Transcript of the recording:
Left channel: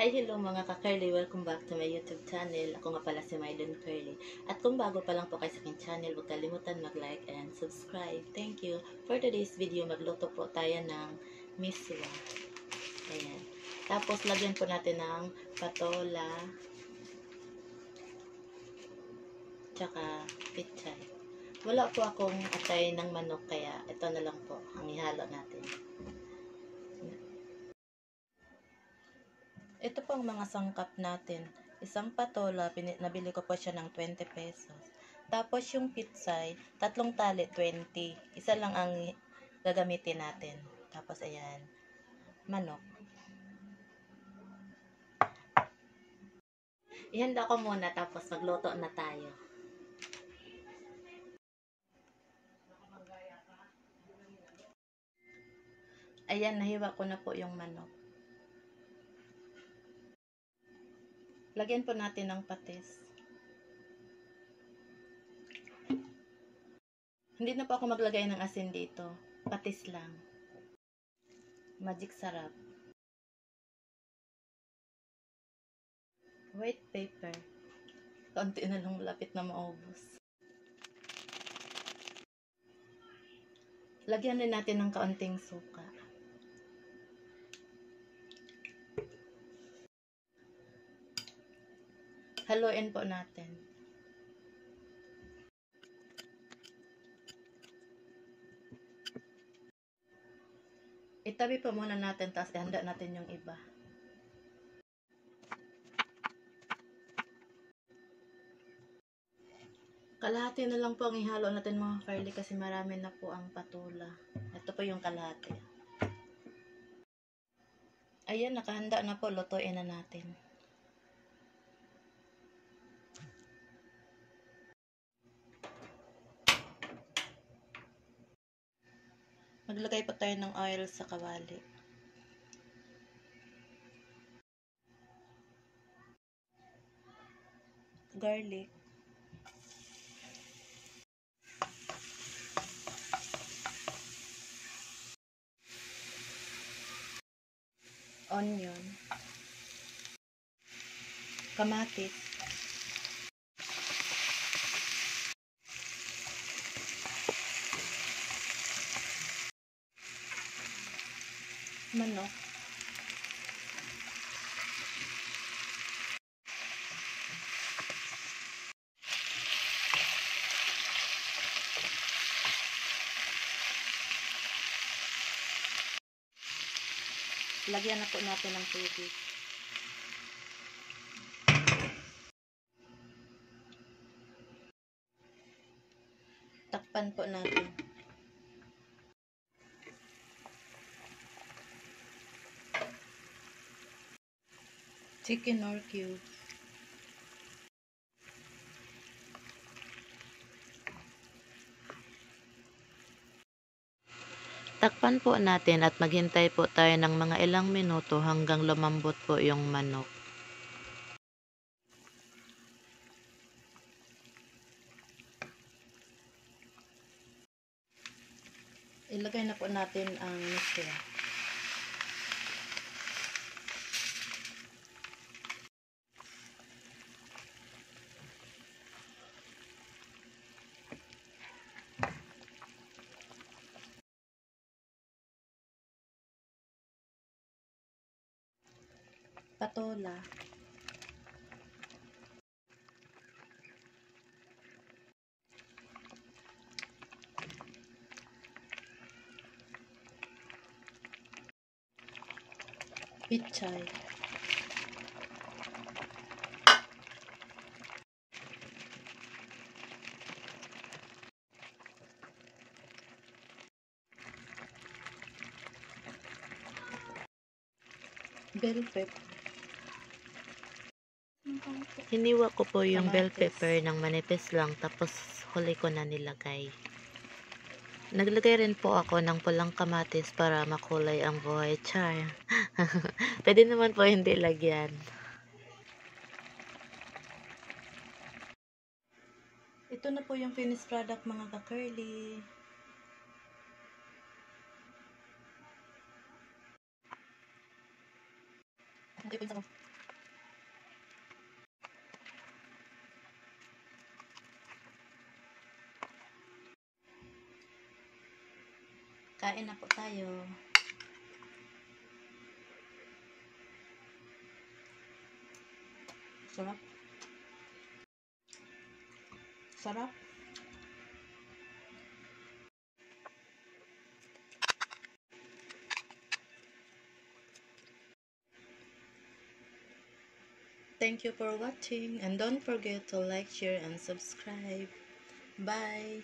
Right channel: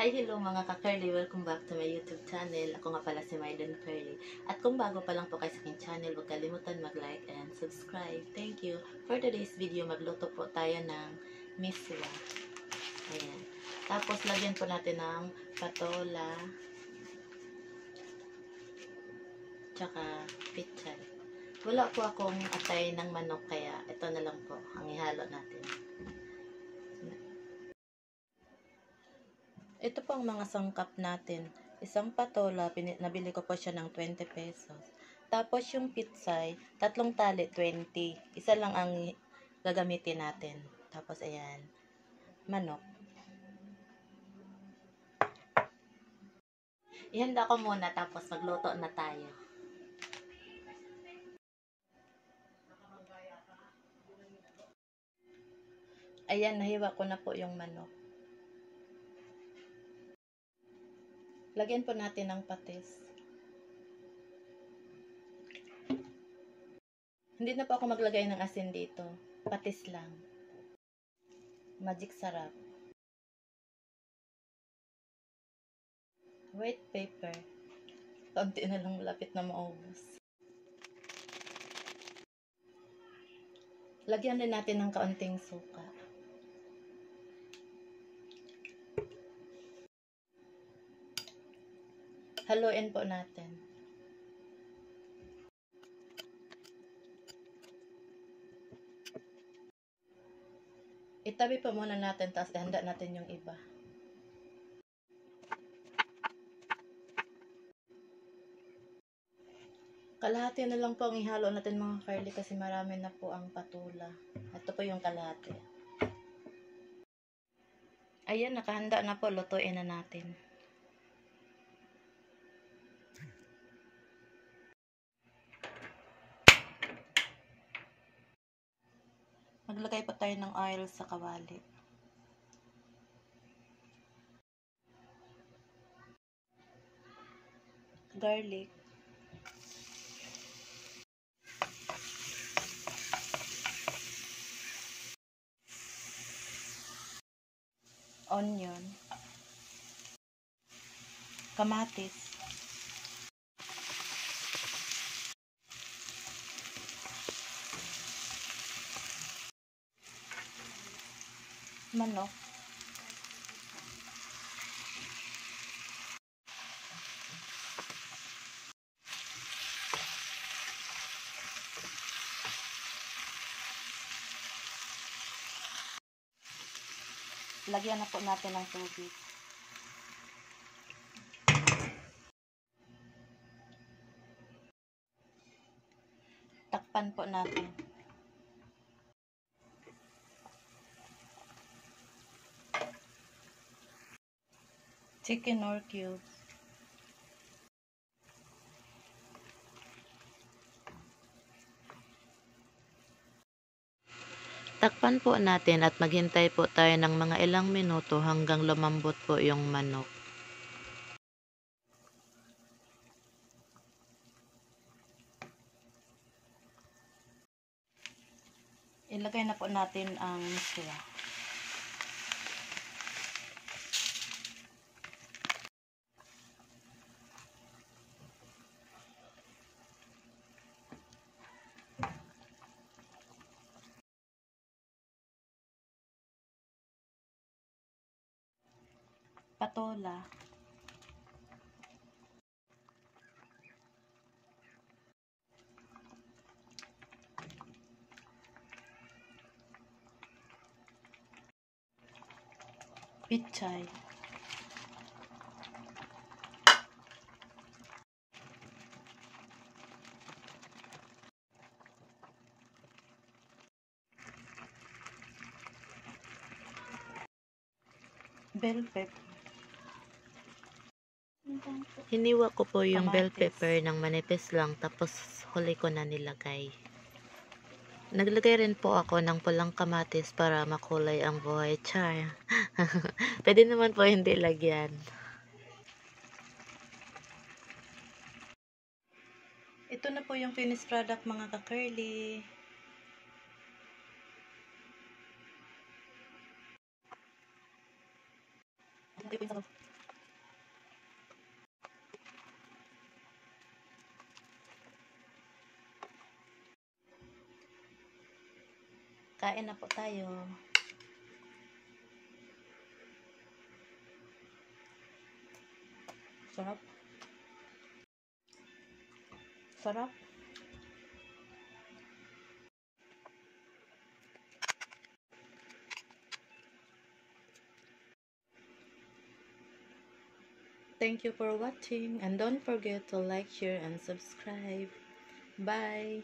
Hi, hello mga ka-curly. Welcome back to my YouTube channel. Ako nga pala si Mylon Curly. At kung bago pa lang po kayo sa aking channel, huwag kalimutan mag-like and subscribe. Thank you. For today's video, magluto po tayo ng miswa. Ayan. Tapos, lagyan po natin ng patola, tsaka pichay. Wala po akong atay ng manok, kaya ito na lang po ang ihalo natin. Ito po ang mga sangkap natin. Isang patola, nabili ko po siya ng 20 pesos. Tapos yung pitsay, 3 tali, 20. Isa lang ang gagamitin natin. Tapos ayan, manok. Ihanda ko muna, tapos magluto na tayo. Ayan, nahiwa ko na po yung manok. Lagyan po natin ng patis. Hindi na po ako maglagay ng asin dito. Patis lang. Magic sarap. White pepper. Kaunti na lang, malapit na maubos. Lagyan din natin ng kaunting suka. Haluin po natin. Itabi pa muna natin, tapos ihanda natin yung iba. Kalahati na lang po ang ihalo natin mga curly, kasi marami na po ang patula. Ito po yung kalahati. Ayan, nakahanda na po. Lutuin na natin. Maglagay pa tayo ng oil sa kawali. Garlic. Onion. Kamatis. Manok. Lagyan na po natin ng tubig. Takpan po natin. Chicken or cubes. Takpan po natin at maghintay po tayo ng mga ilang minuto hanggang lumambot po yung manok. Ilagay na po natin ang miswa. Patola. Pichay. Bell pepper. Hiniwa ko po yung bell pepper ng manipis lang, tapos huli ko na nilagay. Naglagay rin po ako ng pulang kamatis para makulay ang buhay. Char. Pwede naman po hindi lagyan. Ito na po yung finished product mga ka-curly. Ito po yung Kain na po tayo. Sarap. Sarap. Thank you for watching and don't forget to like, share, and subscribe. Bye!